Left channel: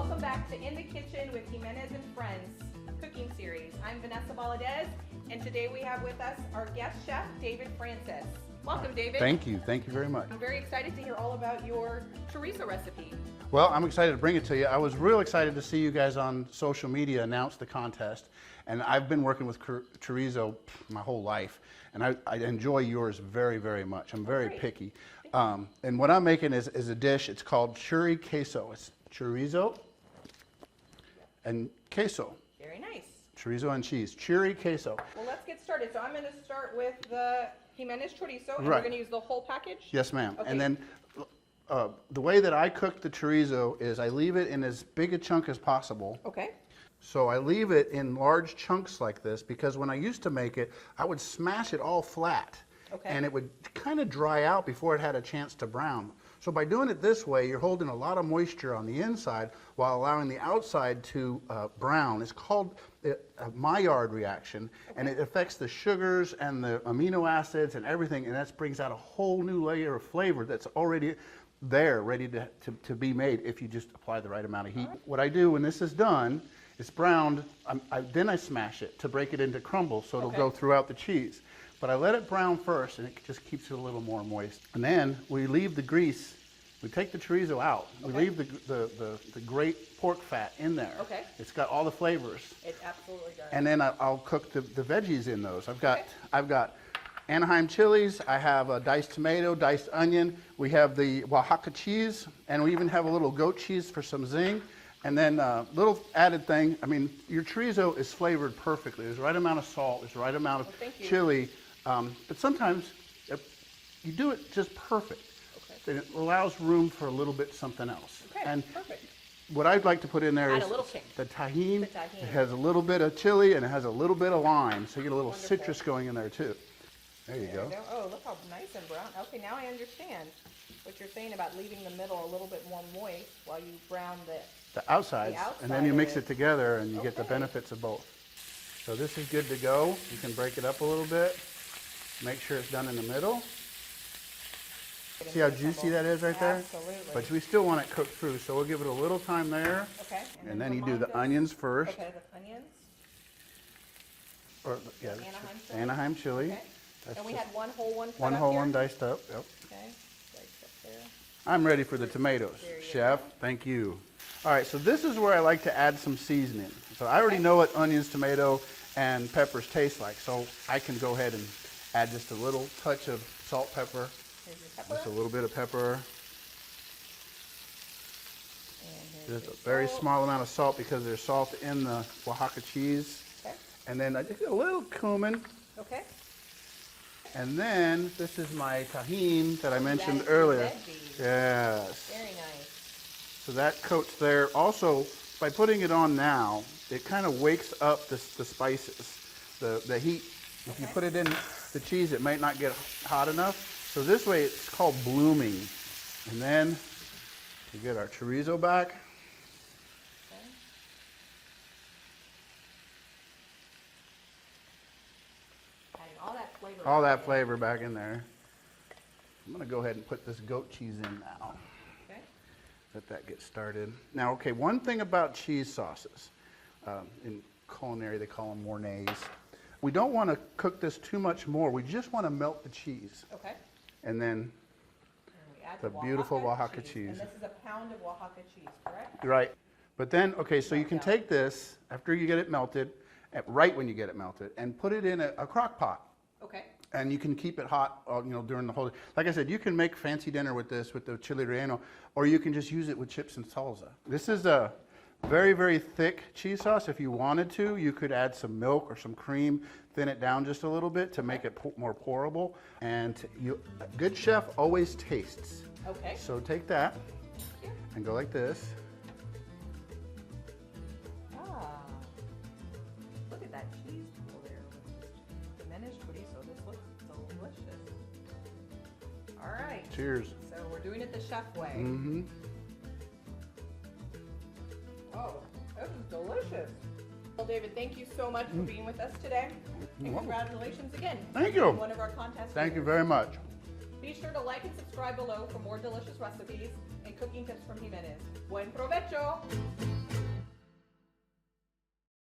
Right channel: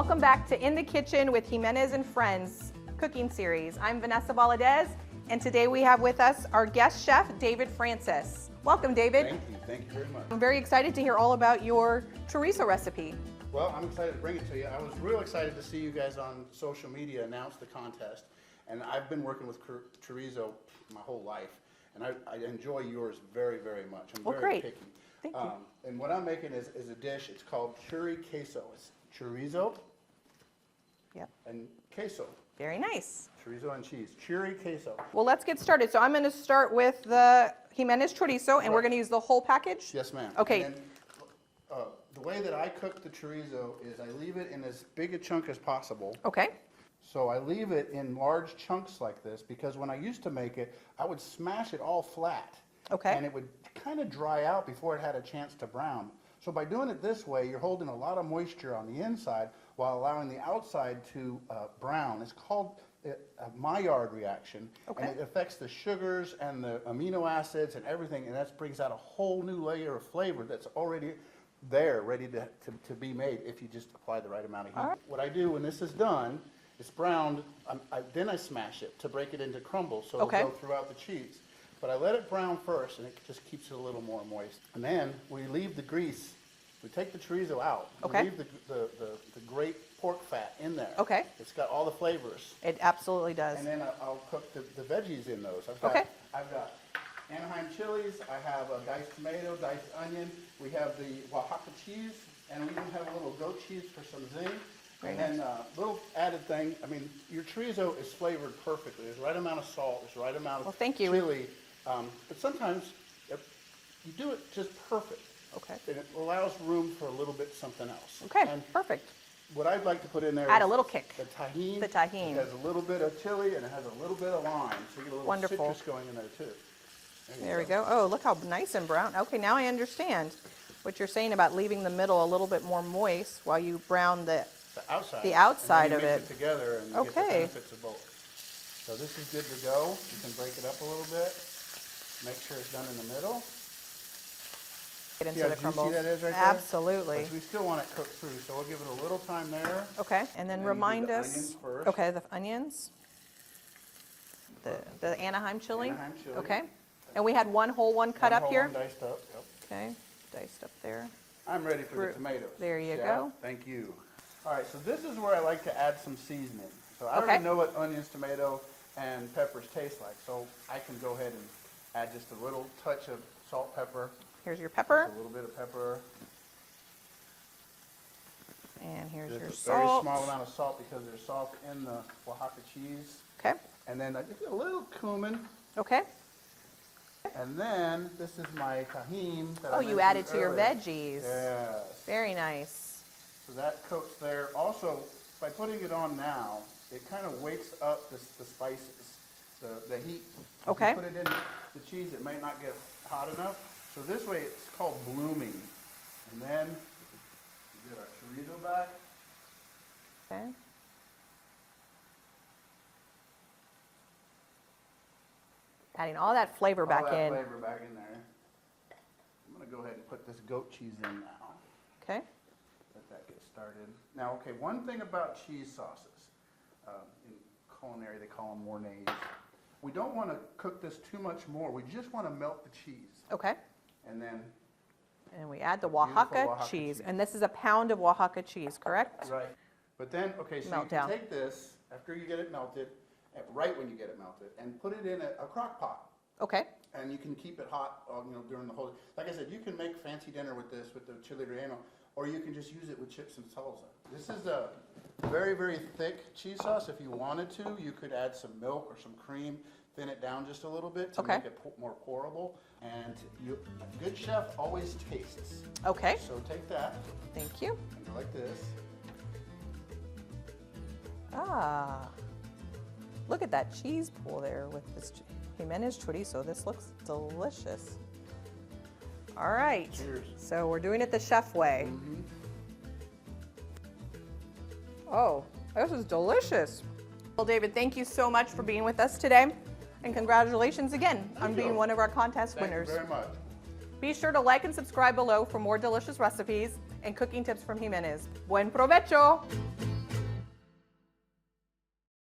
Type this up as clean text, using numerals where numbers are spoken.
Welcome back to In the Kitchen with Jimenez and Friends cooking series. I'm Vanessa Valadez, and today we have with us our guest chef, David Francis. Welcome, David. Thank you very much. I'm very excited to hear all about your chorizo recipe. Well, I'm excited to bring it to you. I was real excited to see you guys on social media announce the contest, and I've been working with chorizo my whole life, and I enjoy yours very, very much. I'm very picky. And what I'm making is a dish. It's called Choriqueso. It's chorizo and queso. Very nice. Chorizo and cheese. Choriqueso. Well, let's get started. So I'm going to start with the Jimenez chorizo, and we're going to use the whole package? Yes, ma'am. Okay. And then the way that I cook the chorizo is I leave it in as big a chunk as possible. Okay. So I leave it in large chunks like this because when I used to make it, I would smash it all flat. Okay. And it would kind of dry out before it had a chance to brown. So by doing it this way, you're holding a lot of moisture on the inside while allowing the outside to brown. It's called a Maillard reaction, and it affects the sugars and the amino acids and everything, and that brings out a whole new layer of flavor that's already there, ready to be made if you just apply the right amount of heat. What I do when this is done, it's browned, then I smash it to break it into crumbles so it'll go throughout the cheese. But I let it brown first, and it just keeps it a little more moist. And then we leave the grease. We take the chorizo out. We leave the great pork fat in there. Okay. It's got all the flavors. It absolutely does. And then I'll cook the veggies in those. I've got Anaheim chilies. I have a diced tomato, diced onion. We have the Oaxaca cheese, and we even have a little goat cheese for some zing. And then a little added thing. I mean, your chorizo is flavored perfectly. There's the right amount of salt. There's the right amount of chili. But sometimes you do it just perfect. Okay. And it allows room for a little bit something else. Okay, and perfect. What I'd like to put in there is a little kick. The tahini. The tahini. It has a little bit of chili and it has a little bit of lime, so you get a little citrus going in there too. There we go. Oh, look how nice and brown. Okay, now I understand what you're saying about leaving the middle a little bit more moist while you brown the outside. The outside and then you of mix it together and you get the benefits of both. So this is good to go. You can break it up a little bit. Make sure it's done in the middle. See how juicy that is right there? Absolutely. But we still want it cooked through, so we'll give it a little time there. Okay, and then remind us. You do the onions first. Okay, the onions. The Anaheim chili. Anaheim chili. Okay. And we had one whole one cut up here? One diced up, yep. Okay, diced up there. I'm ready for the tomatoes. There you Chef, go. thank you. All right, so this is where I like to add some seasoning. So I already know what onions, tomato, and peppers taste like, so I can go ahead and add just a little touch of salt, pepper. Here's your pepper. Just a little bit of pepper. And here's your salt. A very small amount of salt because there's salt in the Oaxaca cheese. Okay. And then I just a little cumin. Okay. And then this is my tahini that I mentioned you added earlier. To your veggies. Yes. Very nice. So that coats there. Also, by putting it on now, it kind of wakes up the spices, the heat. If you put it in the cheese, it might not get hot enough. So this way it's called blooming. And then we get our chorizo back. Okay. Adding all that flavor back in. All that flavor back in there. I'm going to go ahead and put this goat cheese in now. Okay. Let that get started. Now, okay, one thing about cheese sauces, in culinary they call them mornayes. We don't want to cook this too much more. We just want to melt the cheese. Okay. And then we add the Oaxaca cheese. And this is a pound of Oaxaca cheese, correct? Right. But then, okay, so you can take this after you get it melted, right when you get it melted, and put it in a crock pot. Okay. And you can keep it hot, during the whole day. Like I said, you can make fancy dinner with this, with the chile relleno, or you can just use it with chips and salsa. This is a very, very thick cheese sauce. If you wanted to, you could add some milk or some cream, thin it down just a little bit to make it more pourable. And a good chef always tastes. Okay. So take that. Thank you. And go like this. Ah. Look at that cheese pool there with this Jimenez chorizo. This looks delicious. All right. Cheers. So we're doing it the chef way. Mm-hmm. Oh, this is delicious. Well, David, thank you so much for being with us today. And congratulations again on being one of our contest winners. Thank you very much. Be sure to like and subscribe below for more delicious recipes and cooking tips from Jimenez. Buen provecho!